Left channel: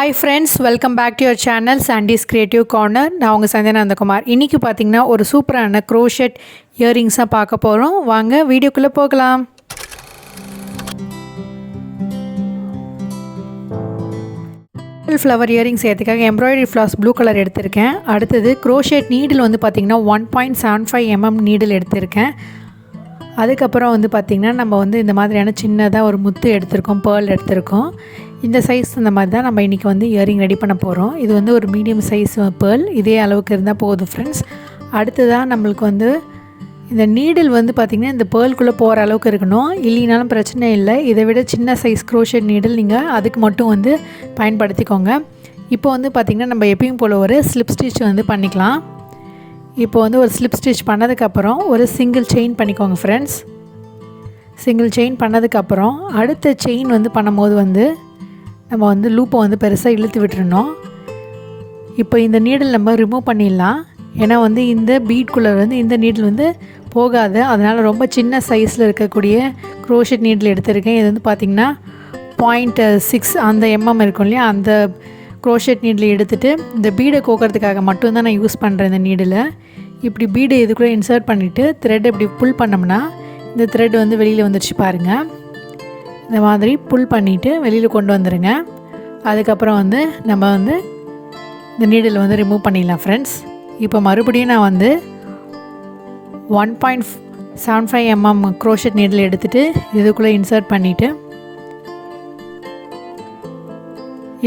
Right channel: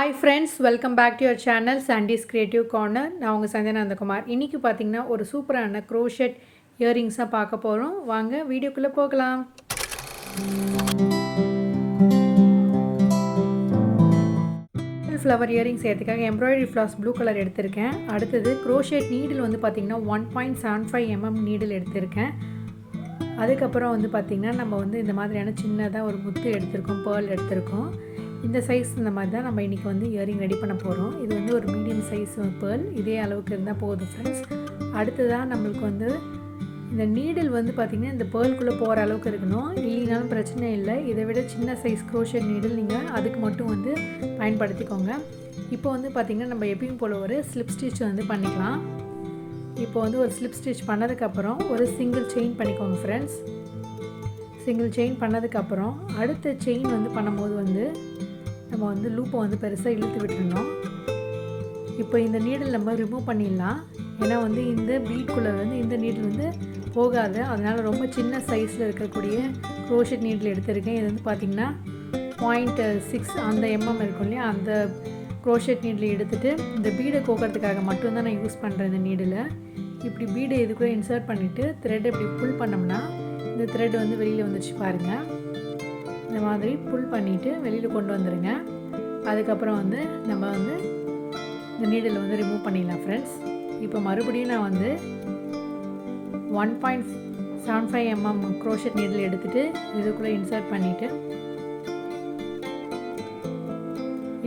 Hi friends, welcome back to your channel Sandy's Creative Corner. நான் உங்கள் சந்தியா நந்தகுமார். இன்றைக்கி பார்த்திங்கன்னா ஒரு சூப்பரான crochet இயரிங்ஸாக பார்க்க போகிறோம். வாங்க வீடியோக்குள்ளே போகலாம். ஃப்ளவர் இயரிங்ஸ் ஏற்றுக்காக எம்ப்ராய்டரி ஃப்ளாஸ் ப்ளூ கலர் எடுத்திருக்கேன். அடுத்தது crochet நீடில் வந்து பார்த்திங்கன்னா 1.75 mm நீடில் எடுத்திருக்கேன். அதுக்கப்புறம் வந்து பார்த்திங்கன்னா நம்ம வந்து இந்த மாதிரியான சின்னதாக ஒரு முத்து எடுத்திருக்கோம், பேர்ல் எடுத்திருக்கோம். இந்த சைஸ் இந்த மாதிரி தான் நம்ம இன்றைக்கி வந்து இயரிங் ரெடி பண்ண போகிறோம். இது வந்து ஒரு மீடியம் சைஸ் பேர்ல், இதே அளவுக்கு இருந்தால் போதும் ஃப்ரெண்ட்ஸ். அடுத்ததாக நம்மளுக்கு வந்து இந்த நீடில் வந்து பார்த்திங்கன்னா இந்த பேர்ல்குள்ளே போகிற அளவுக்கு இருக்கணும், இல்லைனாலும் பிரச்சனை இல்லை. இதை விட சின்ன சைஸ் crochet நீடில் நீங்கள் அதுக்கு மட்டும் வந்து பயன்படுத்திக்கோங்க. இப்போ வந்து பார்த்திங்கன்னா நம்ம எப்பயும் போல் ஒரு ஸ்லிப் ஸ்டிச் வந்து பண்ணிக்கலாம். இப்போ வந்து ஒரு ஸ்லிப் ஸ்டிச் பண்ணதுக்கப்புறம் ஒரு சிங்கிள் செயின் பண்ணிக்கோங்க ஃப்ரெண்ட்ஸ். சிங்கிள் செயின் பண்ணதுக்கப்புறம் அடுத்த செயின் வந்து பண்ணும்போது வந்து நம்ம வந்து லூப்பை வந்து பெருசாக இழுத்து விட்டுறணும். இப்போ இந்த நீடில் நம்ம ரிமூவ் பண்ணிடலாம், ஏன்னா வந்து இந்த பீட்குள்ளே வந்து இந்த நீடில் வந்து போகாது. அதனால் ரொம்ப சின்ன சைஸில் இருக்கக்கூடிய crochet நீடில் எடுத்திருக்கேன். இது வந்து பார்த்திங்கன்னா 0.6 அந்த mm இருக்கும் இல்லையா, அந்த crochet நீடில் எடுத்துகிட்டு இந்த பீடை கோக்கிறதுக்காக மட்டும்தான் நான் யூஸ் பண்ணுறேன். இந்த நீடில் இப்படி பீடை இதுக்குள்ளே இன்சர்ட் பண்ணிவிட்டு த்ரெட் இப்படி புல் பண்ணோம்னா இந்த த்ரெட் வந்து வெளியில் வந்துடுச்சு பாருங்கள். இந்த மாதிரி புல் பண்ணிவிட்டு வெளியில் கொண்டு வந்துடுங்க. அதுக்கப்புறம் வந்து நம்ம வந்து இந்த நீடில் வந்து ரிமூவ் பண்ணிடலாம் ஃப்ரெண்ட்ஸ். இப்போ மறுபடியும் நான் வந்து 1.75 mm crochet நீடில் எடுத்துகிட்டு இதுக்குள்ளே இன்சர்ட் பண்ணிவிட்டு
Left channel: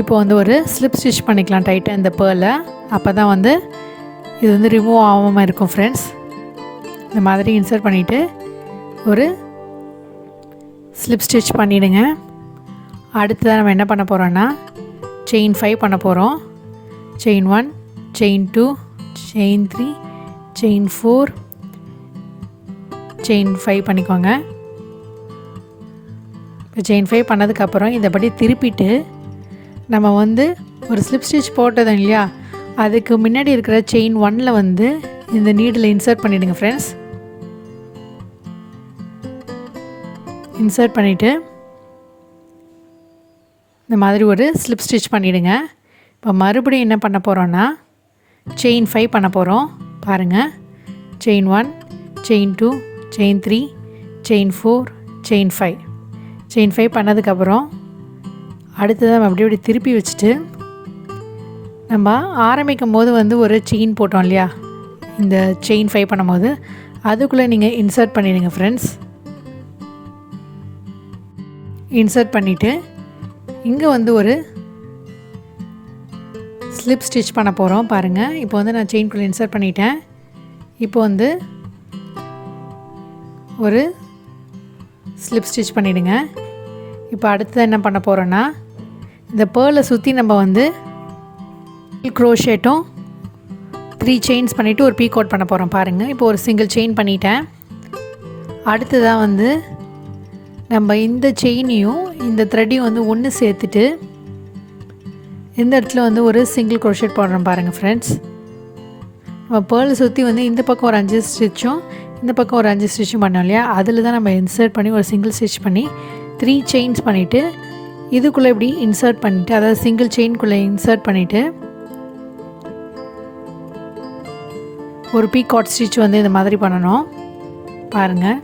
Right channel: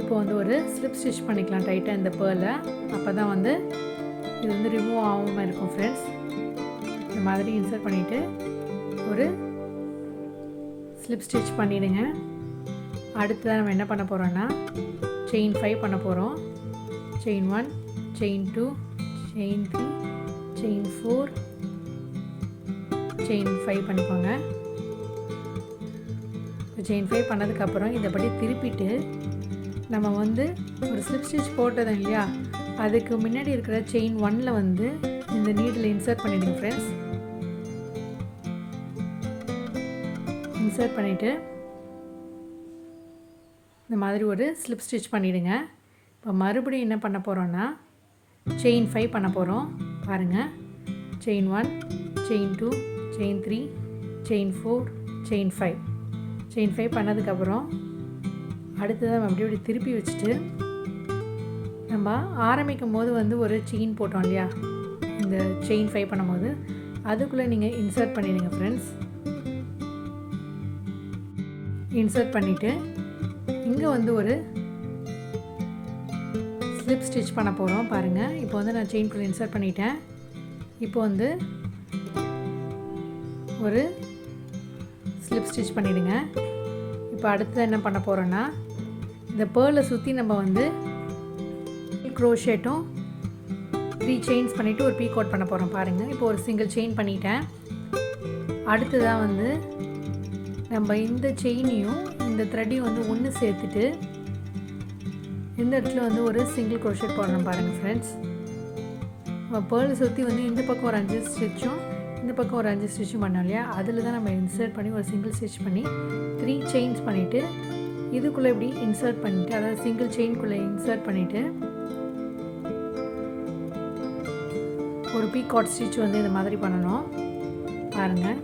இப்போ வந்து ஒரு ஸ்லிப் ஸ்டிச் பண்ணிக்கலாம் டைட்டாக இந்த பேர்லை. அப்போ தான் வந்து இது வந்து ரிமூவ் ஆகாமல் இருக்கும் ஃப்ரெண்ட்ஸ். இந்த மாதிரி இன்சர்ட் பண்ணிவிட்டு ஒரு ஸ்லிப் ஸ்டிச் பண்ணிவிடுங்க. அடுத்ததாக நம்ம என்ன பண்ண போகிறோன்னா செயின் 5 பண்ண போகிறோம். Chain 1, chain 2, chain 3, chain 4, chain 5 பண்ணிக்கோங்க. இப்போ செயின் 5 பண்ணதுக்கப்புறம் இதைப்படி திருப்பிட்டு நம்ம வந்து ஒரு ஸ்லிப் ஸ்டிச் போட்டதும் இல்லையா, அதுக்கு முன்னாடி இருக்கிற செயின் 1ல் வந்து இந்த நீடில் இன்சர்ட் பண்ணிவிடுங்க ஃப்ரெண்ட்ஸ். இன்சர்ட் பண்ணிவிட்டு இந்த மாதிரி ஒரு ஸ்லிப் ஸ்டிச் பண்ணிவிடுங்க. இப்போ மறுபடியும் என்ன பண்ண போகிறோன்னா செயின் 5 பண்ண போகிறோம். பாருங்கள், chain 1, chain 2, chain 3, chain 4, chain 5. Chain 5 பண்ணதுக்கப்புறம் அடுத்ததாக நம்ம அப்படி திருப்பி வச்சுட்டு நம்ம ஆரம்பிக்கும் போது வந்து ஒரு செயின் போட்டோம் இல்லையா, இந்த செயின் 5 பண்ணும்போது அதுக்குள்ளே நீங்கள் இன்சர்ட் பண்ணிடுங்க ஃப்ரெண்ட்ஸ். இன்சர்ட் பண்ணிவிட்டு இங்கே வந்து ஒரு ஸ்லிப் ஸ்டிச் பண்ண போகிறோம். பாருங்கள், இப்போ வந்து நான் செயின்குள்ளே இன்சர்ட் பண்ணிட்டேன். இப்போ வந்து ஒரு ஸ்லிப் ஸ்டிச் பண்ணிவிடுங்க. இப்போ அடுத்தது என்ன பண்ண போகிறோன்னா இந்த பேர்லை சுற்றி நம்ம வந்து க்ரோஷேட்டும் 3 செயின்ஸ் பண்ணிவிட்டு ஒரு பீக் அவுட் பண்ண போகிறோம். பாருங்கள், இப்போ ஒரு சிங்கிள் செயின் பண்ணிட்டேன். அடுத்ததாக வந்து நம்ம இந்த செயினையும் இந்த த்ரெட்டையும் வந்து ஒன்று சேர்த்துட்டு இந்த இடத்துல வந்து ஒரு சிங்கிள் க்ரோஷேட் போடுறோம். பாருங்கள் ஃப்ரெண்ட்ஸ், நம்ம பேர்லை சுற்றி வந்து இந்த பக்கம் ஒரு 5 ஸ்டிச்சும் இந்த பக்கம் ஒரு 5 ஸ்டிச்சும் பண்ணோம் இல்லையா, அதில் தான் நம்ம இன்சர்ட் பண்ணி ஒரு சிங்கிள் ஸ்டிச் பண்ணி 3 செயின்ஸ் பண்ணிவிட்டு இதுக்குள்ளே இப்படி இன்சர்ட் பண்ணிவிட்டு, அதாவது சிங்கிள் செயின்குள்ளே இன்சர்ட் பண்ணிவிட்டு ஒரு பீகாட் ஸ்டிச் வந்து இந்த மாதிரி பண்ணணும். பாருங்கள்,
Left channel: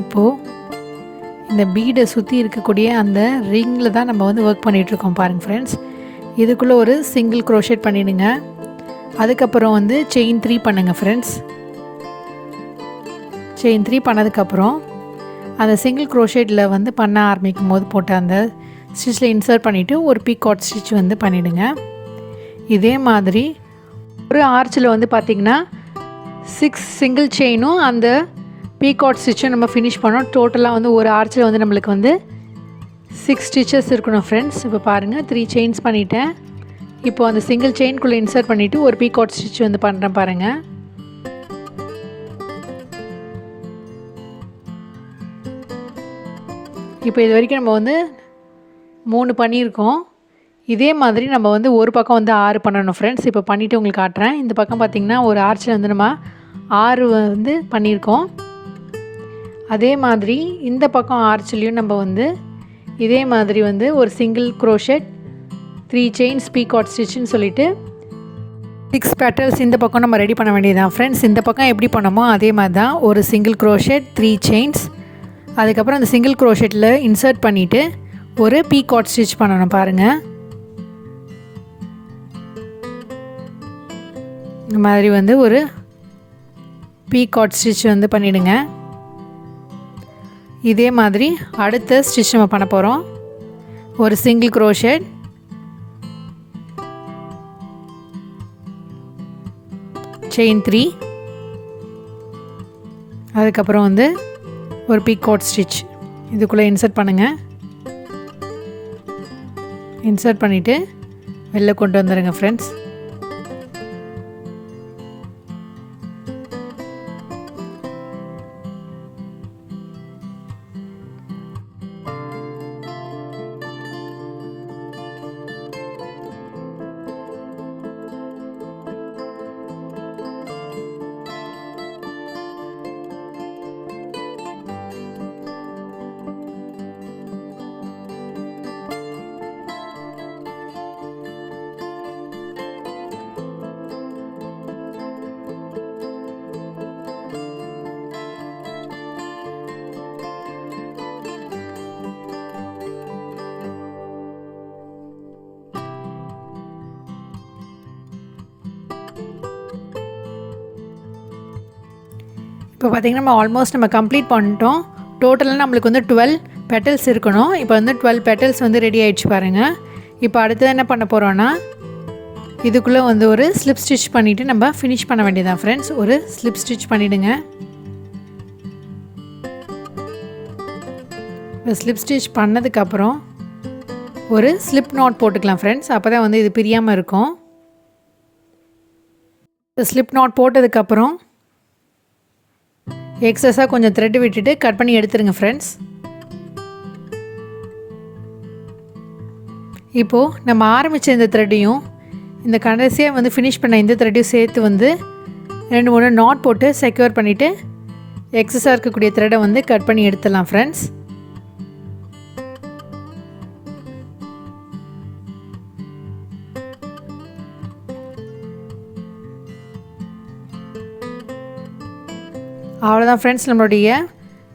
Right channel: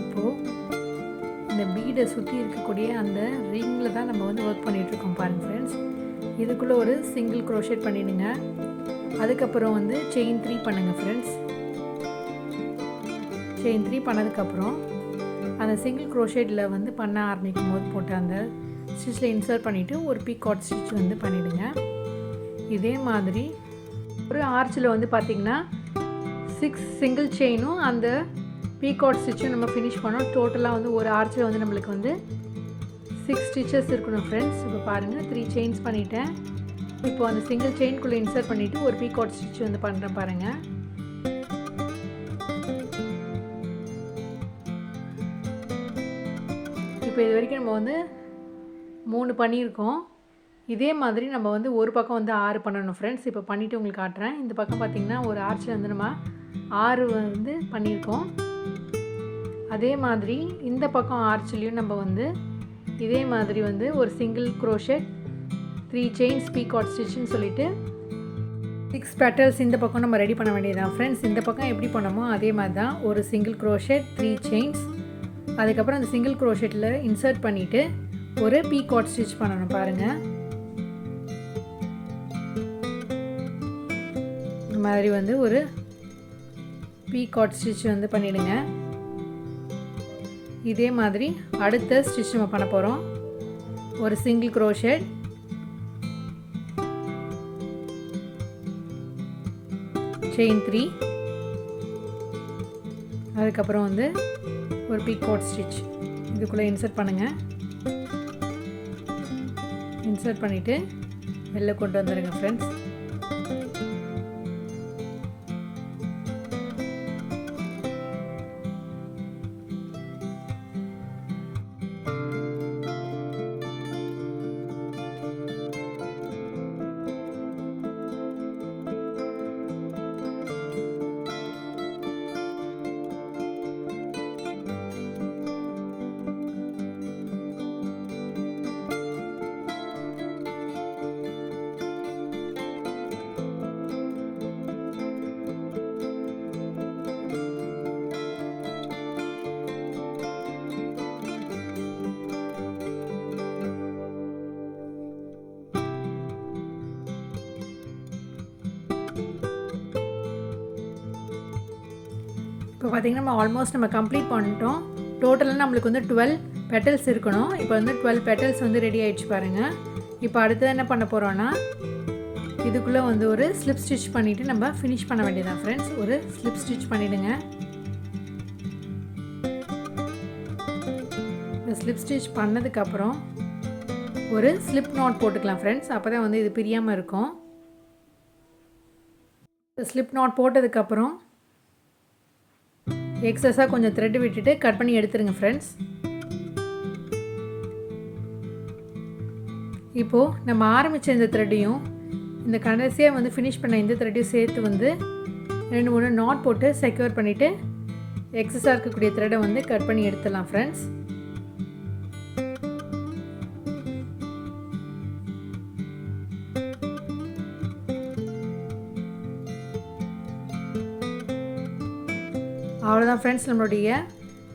இப்போது இந்த பீடை சுற்றி இருக்கக்கூடிய அந்த ரிங்கில் தான் நம்ம வந்து ஒர்க் பண்ணிகிட்ருக்கோம். பாருங்கள் ஃப்ரெண்ட்ஸ், இதுக்குள்ளே ஒரு சிங்கிள் crochet பண்ணிவிடுங்க. அதுக்கப்புறம் வந்து செயின் 3 பண்ணுங்கள் ஃப்ரெண்ட்ஸ். செயின் 3 பண்ணதுக்கப்புறம் அந்த சிங்கிள் crochetல வந்து பண்ண ஆரம்பிக்கும் போது போட்ட அந்த ஸ்டிச்சில் இன்சர்ட் பண்ணிவிட்டு ஒரு பீகாட் ஸ்டிச் வந்து பண்ணிவிடுங்க. இதே மாதிரி ஒரு ஆர்ச்சில் வந்து பார்த்திங்கன்னா 6 சிங்கிள் செயினும் அந்த பீகாட் ஸ்டிச்சும் நம்ம ஃபினிஷ் பண்ணோம். டோட்டலாக வந்து ஒரு ஆர்ச்சில் வந்து நம்மளுக்கு வந்து 6 ஸ்டிச்சஸ் இருக்கணும் ஃப்ரெண்ட்ஸ். இப்போ பாருங்கள், 3 செயின்ஸ் பண்ணிவிட்டேன். இப்போது அந்த சிங்கிள் செயின்குள்ளே இன்சர்ட் பண்ணிவிட்டு ஒரு பீகாட் ஸ்டிச் வந்து பண்ணுறேன். பாருங்கள், இப்போ இது வரைக்கும் நம்ம வந்து 3 பண்ணியிருக்கோம். இதே மாதிரி நம்ம வந்து ஒரு பக்கம் வந்து 6 பண்ணணும் ஃப்ரெண்ட்ஸ். இப்போ பண்ணிவிட்டு உங்களுக்கு காட்டுறேன். இந்த பக்கம் பார்த்திங்கன்னா ஒரு ஆர்ச்சில் வந்து நம்ம 6 வந்து பண்ணியிருக்கோம். அதே மாதிரி இந்த பக்கம் ஆர்ச்சிலையும் நம்ம வந்து இதே மாதிரி வந்து ஒரு சிங்கிள் க்ரோஷெட் 3 செயின்ஸ் பீகாட் ஸ்டிச்சுன்னு சொல்லிட்டு 6 பெட்டல்ஸ் இந்த பக்கம் நம்ம ரெடி பண்ண வேண்டியதுதான் ஃப்ரெண்ட்ஸ். இந்த பக்கம் எப்படி பண்ணோமோ அதே மாதிரி தான் ஒரு சிங்கிள் க்ரோஷெட் 3 செயின்ஸ், அதுக்கப்புறம் அந்த சிங்கிள் க்ரோஷெட்டில் இன்சர்ட் பண்ணிவிட்டு ஒரு பீகாட் ஸ்டிச் பண்ணணும் பாருங்கள். இந்த மாதிரி வந்து ஒரு பீகாட் ஸ்டிச் வந்து பண்ணிவிடுங்க. இதே மாதிரி அடுத்த ஸ்டிச் நம்ம பண்ண போகிறோம். ஒரு சிங்கிள் க்ரோஷெட், செயின் 3, அதுக்கப்புறம் வந்து ஒரு பீகாட் ஸ்டிச் இதுக்குள்ளே இன்சர்ட் பண்ணுங்கள். இன்சர்ட் பண்ணிவிட்டு வெளில கொண்டு வந்துடுங்க ஃப்ரெண்ட்ஸ். இப்போ பார்த்திங்கன்னா நம்ம ஆல்மோஸ்ட் நம்ம கம்ப்ளீட் பண்ணிட்டோம். டோட்டலாக நம்மளுக்கு வந்து 12 பெட்டல்ஸ் இருக்கணும். இப்போ வந்து 12 பெட்டல்ஸ் வந்து ரெடி ஆகிடுச்சு பாருங்கள். இப்போ அடுத்தது என்ன பண்ண போகிறோன்னா இதுக்குள்ளே வந்து ஒரு ஸ்லிப் ஸ்டிச் பண்ணிவிட்டு நம்ம ஃபினிஷ் பண்ண வேண்டியதான் ஃப்ரெண்ட்ஸ். ஒரு ஸ்லிப் ஸ்டிச் பண்ணிவிடுங்க. இப்போ ஸ்லிப் ஸ்டிச் பண்ணதுக்கப்புறம் ஒரு ஸ்லிப் நாட் போட்டுக்கலாம் ஃப்ரெண்ட்ஸ். அப்போ தான் வந்து இது பிரியாமல் இருக்கும். இப்போ ஸ்லிப் நாட் போட்டதுக்கப்புறம் எக்ஸஸாக கொஞ்சம் த்ரெட் விட்டுட்டு கட் பண்ணி எடுத்துருங்க ஃப்ரெண்ட்ஸ். இப்போது நம்ம ஆரம்பித்த இந்த த்ரெட்டையும் இந்த கடைசியாக வந்து ஃபினிஷ் பண்ண இந்த த்ரெட்டையும் சேர்த்து வந்து 2-3 நாட் போட்டு செக்யூர் பண்ணிவிட்டு எக்ஸஸாக இருக்கக்கூடிய த்ரெட்டை வந்து கட் பண்ணி எடுத்துடலாம் ஃப்ரெண்ட்ஸ். அவ்வளோதான் ஃப்ரெண்ட்ஸ், நம்மளுடைய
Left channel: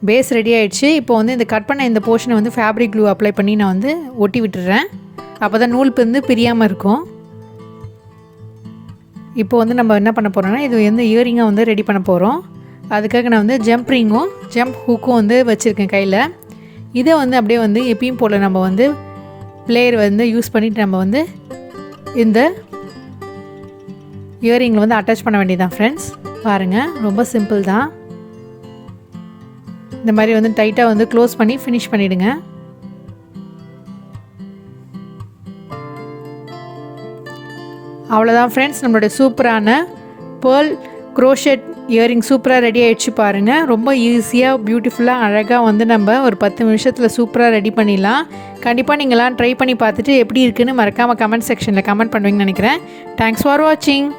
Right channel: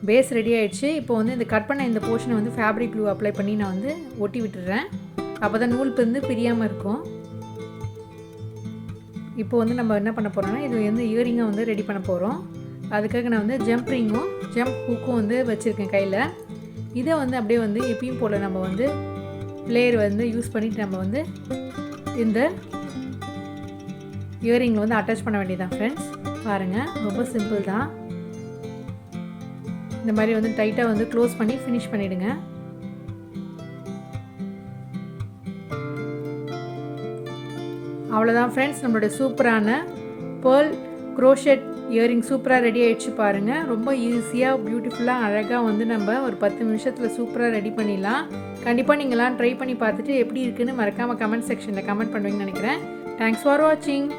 பேஸ் ரெடி ஆகிடுச்சு. இப்போ வந்து இந்த கட் பண்ண இந்த போர்ஷனை வந்து ஃபேப்ரிக் க்ளூ அப்ளை பண்ணி நான் வந்து ஒட்டி விட்டுறேன். அப்போ தான் நூல் வந்து பிரியாமல் இருக்கும். இப்போ வந்து நம்ம என்ன பண்ண போகிறோன்னா இது வந்து இயரிங்காக வந்து ரெடி பண்ண போகிறோம். அதுக்காக நான் வந்து ஜம்ப் ரிங்கும் ஜம்ப் ஹூக்கும் வந்து வச்சுருக்கேன் கையில். இதை வந்து அப்படியே வந்து எப்பயும் போல் நம்ம வந்து பிளேயர் வந்து யூஸ் பண்ணிவிட்டு நம்ம வந்து இந்த இயரிங்கில் வந்து அட்டாச் பண்ண வேண்டியதான் ஃப்ரெண்ட்ஸ். பாருங்கள், ரொம்ப சிம்பிள் தான். இந்த மாதிரி வந்து டைட்டாக வந்து க்ளோஸ் பண்ணி ஃபினிஷ் பண்ணிவிடுங்க. அவ்வளோதான் ஃப்ரெண்ட்ஸ், நம்மளுடைய சூப்பரான பேர்ல் க்ரோஷெட் இயரிங் சூப்பராக ரெடி ஆகிடுச்சு பாருங்கள். ரொம்ப ஈஸியாக பியூட்டிஃபுல்லாக அழகாக வந்து நம்ம ஒரு 10 நிமிஷத்தில் சூப்பராக ரெடி பண்ணிடலாம். கண்டிப்பாக நீங்களாம் ட்ரை பண்ணி பார்த்துட்டு எப்படி இருக்குன்னு மறக்காமல் கமெண்ட் செக்ஷனில் கமெண்ட் பண்ணுவீங்கன்னு நினைக்கிறேன். தேங்க்ஸ் ஃபார் வாட்சிங்.